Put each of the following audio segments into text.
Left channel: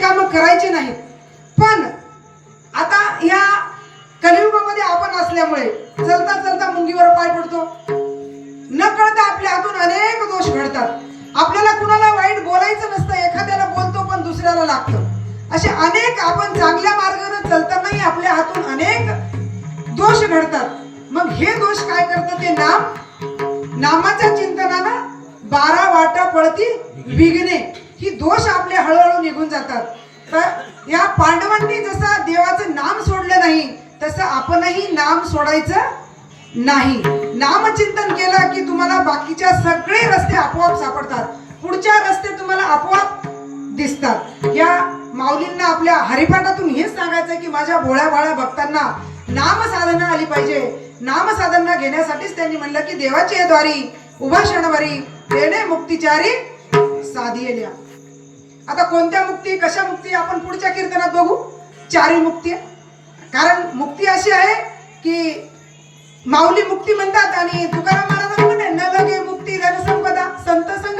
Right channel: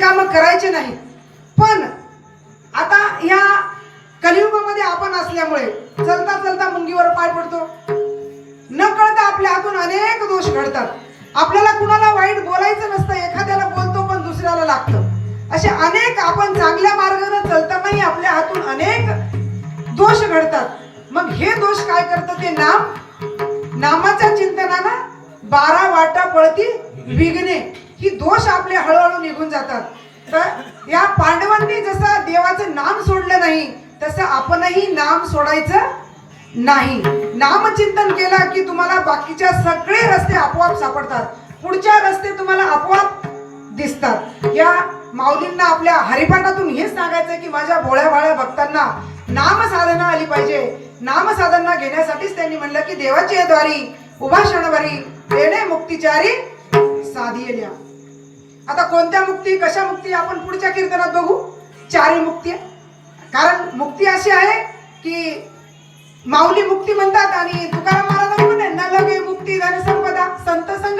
काम करायचे नाही पण आता ह्या कलियुगामध्ये आपण असल्यामुळे चलता चलता मुंगीवर पाय पडतो. न कळता आपल्या हातून अनेक दोष घडतात. आपल्याला कुणाला वाईट बोलायचं नसतं एखाद्याला बोलतो पण दुसऱ्याला लागतं. असे अनेक आपण चांगल्या मार्गाने चलतानाही आपल्या हातून अनेक दोष घडतात. मग हे दोष काय करतं ते नाम? नामाच्या चिंतनानं बारा वाटा पळती विघ्ने. ही दोष आपले हळूहळू निघून जातात. तर या पांडवांनी जसं देवाचं नाम सोडलं नाही तसं आपणही नाम सोडायचं नाही. नामचिंतन केलं की तुम्हाला बाकीच्या सगळे रस्ते आपोआप सापडतात. पुढच्या रस्ते तुम्हाला आपोआप दिसतात. या माऊलींना आपल्या हरिपाठातून हेच सांगायचं की माझ्या भोळ्या भाळ्या भक्तांना नाम साधना आली पाहिजे. नाम साधना घेण्यासाठीच त्यांनी म्हणलं की देवाची द्वारी उभा क्षणवारी तेने मुक्तिचारी साधियल्या आता कोणत्या मुक्ती कशा मुक्ती आपण पुढच्या कीर्तनात बघू? चारी मुक्ती कारण मुक्ती अशी आहे की माऊली मुक्ती म्हणतात आणि तुकाराम महाराज म्हणे न लगे मुक्ती धन संपदा संत संग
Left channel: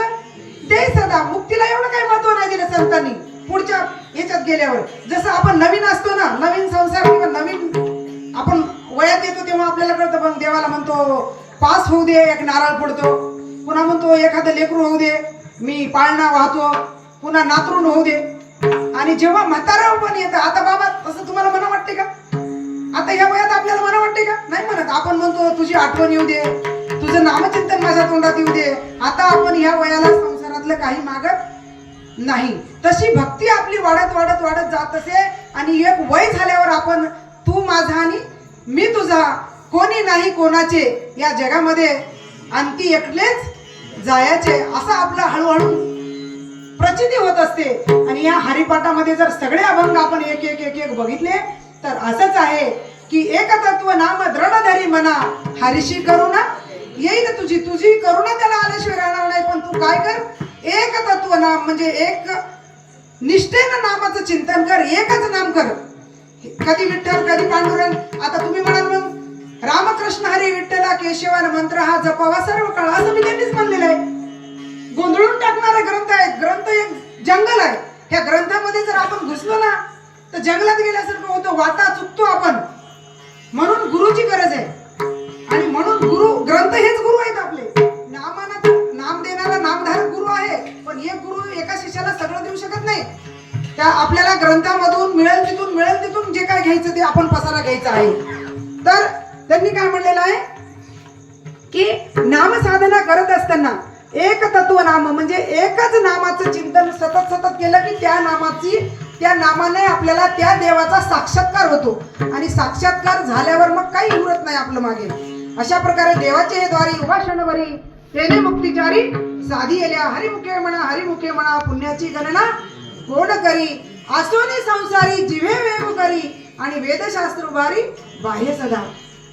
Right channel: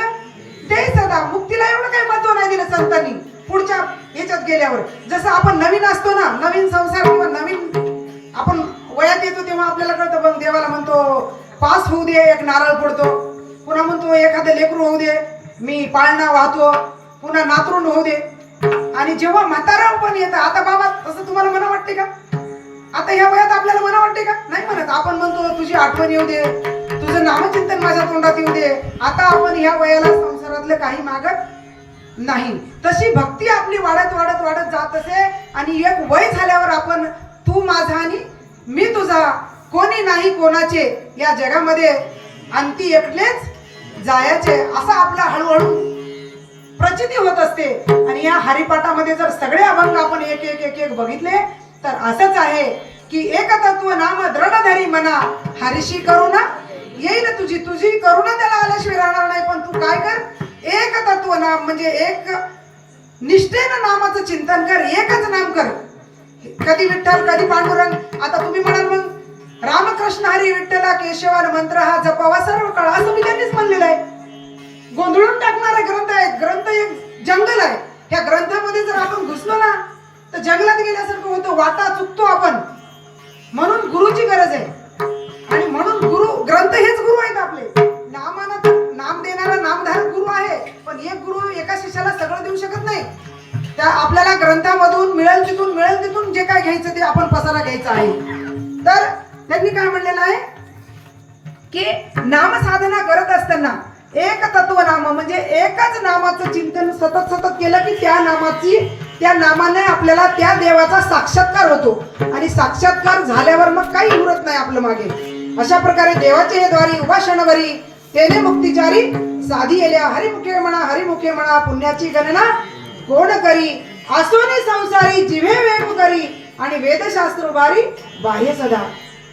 ते सदा. मुक्तीला एवढं काही महत्त्व नाही दिलं संतांनी पुढच्या याच्यात गेल्यावर. जसं आपण नवीन असतो ना नवीन संसार किंवा नवीन आपण वयात येतो तेव्हा आपल्याला कळतं पण देवाला म्हणतो पास होऊ दे एक नारळ पडतो पुन्हा म्हणतो एखादं लेकरू होऊ दे मी पाळणा वाहतो. पुन्हा नातरून होऊ दे. आणि जेव्हा म्हातारा पण येतं आता बाबा तसं तुम्हाला मना वाटते का? आता ह्या वयात आपल्याला मना वाटते का? नाही म्हणत. आपण म्हणतो तुझी आठवण येऊ दे. तुझं नामचिंतन माझ्या तोंडात येऊ दे. आता आपण ह्या वयाला संसारातलं काही मागत नाही. तशी भक्ती आपली वाढत वाढत वाढत जात असे. आणि एक वय झाल्यावर आपण तू माझा आणि मी तुझा. कोणी नाही कोणाचे. या जगामध्ये अंती एकलेच जायचे असा आपला हळूहळू प्रचिती होत असते. आणि या हरिपाठामध्ये जर सगळे अभंग आपण एक एक एक एक बघितले तर असंच आहे की एक तत्व नाम दृढधरी म्हणा हरिशी करुणा येईल तुझी तुझी करुणा त्याला आल्याशिवाय राहणार नाही. पण तू काय कर? एक तत्व नाम म्हणजे एक निष्ठेनं नामाचं चिंतन कर. एकच नाम कर. कधी विठ्ठल कधी पांडुरंग. आता तुम्ही म्हणाल मग रामकृष्ण हरी विठ्ठला केशवान मंत्र हा जपावा सर्व ग्रंथ एक जंगल आहे. ह्या ग्रंथामध्ये जर आपण घुसलो ना तर जंगलात गेल्यासारखं होतं वाता चुकतो आपण. म्हणून गुरुची गरज आहे. आणि म्हणून गुरु ग्रंथ हेच गुरु आहेत आपले. नामाना तर नाम देणारा नामधारक गुरु आहे पण एक गुरु एका शिष्याला सगळं देऊ शकत नाही. त्या आपल्याला ग्रंथामधून मिळेल तिथून मिळेल तिथून जे काय घ्यायचं ते आपण पसारा घ्यायचं आहे. तर त्यांनी काय म्हणलेलं आहे? की नाम साधना करत असताना एक तत्व नाम म्हणजे एकच नामाचं चिंतन सतत सतत केलं की त्या नामाची त्या नामाने आपल्याला त्या देवाचा साक्षात्कार होतो. आणि साक्षात्कार झाल्यावर मग काही उरत नाही आपलं मागे. अशा प्रकारे देवाचे हे द्वारी उपासनवरी तेने मुक्तिचारी साधी येल्या हरिमुखे म्हणा हरिमुखे म्हणा पुण्याची गणना कोण करी? आसोनी संसारी जिवे वेग करी आणि वेदशास्त्र उभारी बाह्य सदा.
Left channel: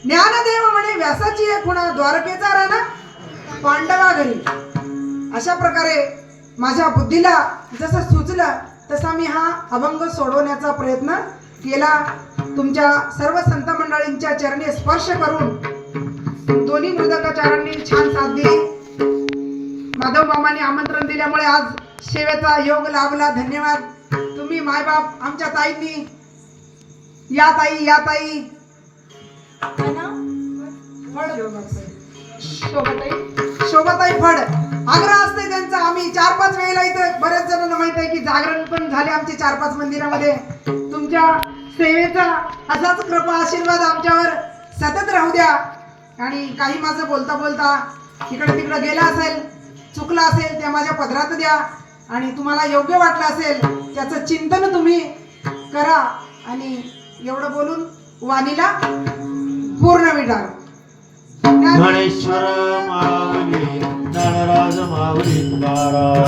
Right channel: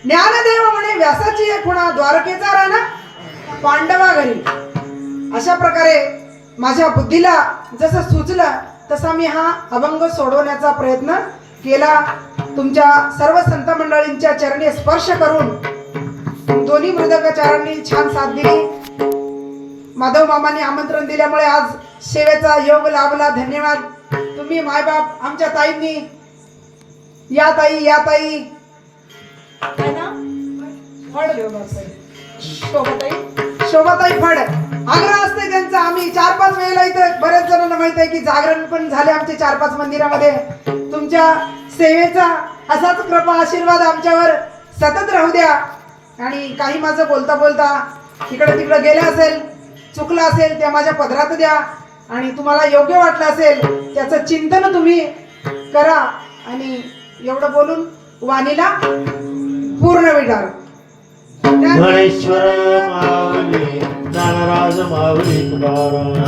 ज्ञानदेव म्हणे व्यासाची एक खुणा द्वारकेचा राणा पांडवा घरी. अशा प्रकारे माझ्या बुद्धीला जसं सुचलं तसा मी हा अभंग सोडवण्याचा प्रयत्न केला. तुमच्या सर्व संत मंडळींच्या चरणी स्पर्श करून दोन्ही मृदकाचारांनी छान साथ दिली. माधव मामाने आमंत्रण दिल्यामुळे आज सेवेचा योग लाभला. धन्यवाद. तुम्ही मायबाप आमच्या ताईंनी. या ताई या ताई. ना शोभाताई. शोभाताई फड. आग्रह असते त्यांचं. आम्ही चार पाच वेळेला इथे बऱ्याच जणांना माहीत आहे की जागरण पण झाले आमचे चार पाच मंदिरामध्ये. तुमच्या सेवेचा असाच कृपा आशीर्वाद आमच्यावर सतत राहू द्या. आणि काही माझं बोलता बोलता इकडे तिकडे गेलं असेल चुकलं असेल त्या माझ्या पदरात द्या. आणि तुम्हाला योग्य वाटलं असेल त्याचं चिंतन तुम्ही करा. आणि एवढं बोलून वाणीला पूर्ण विटार गणेश्वर माऊली नागराज माऊली तुकाराम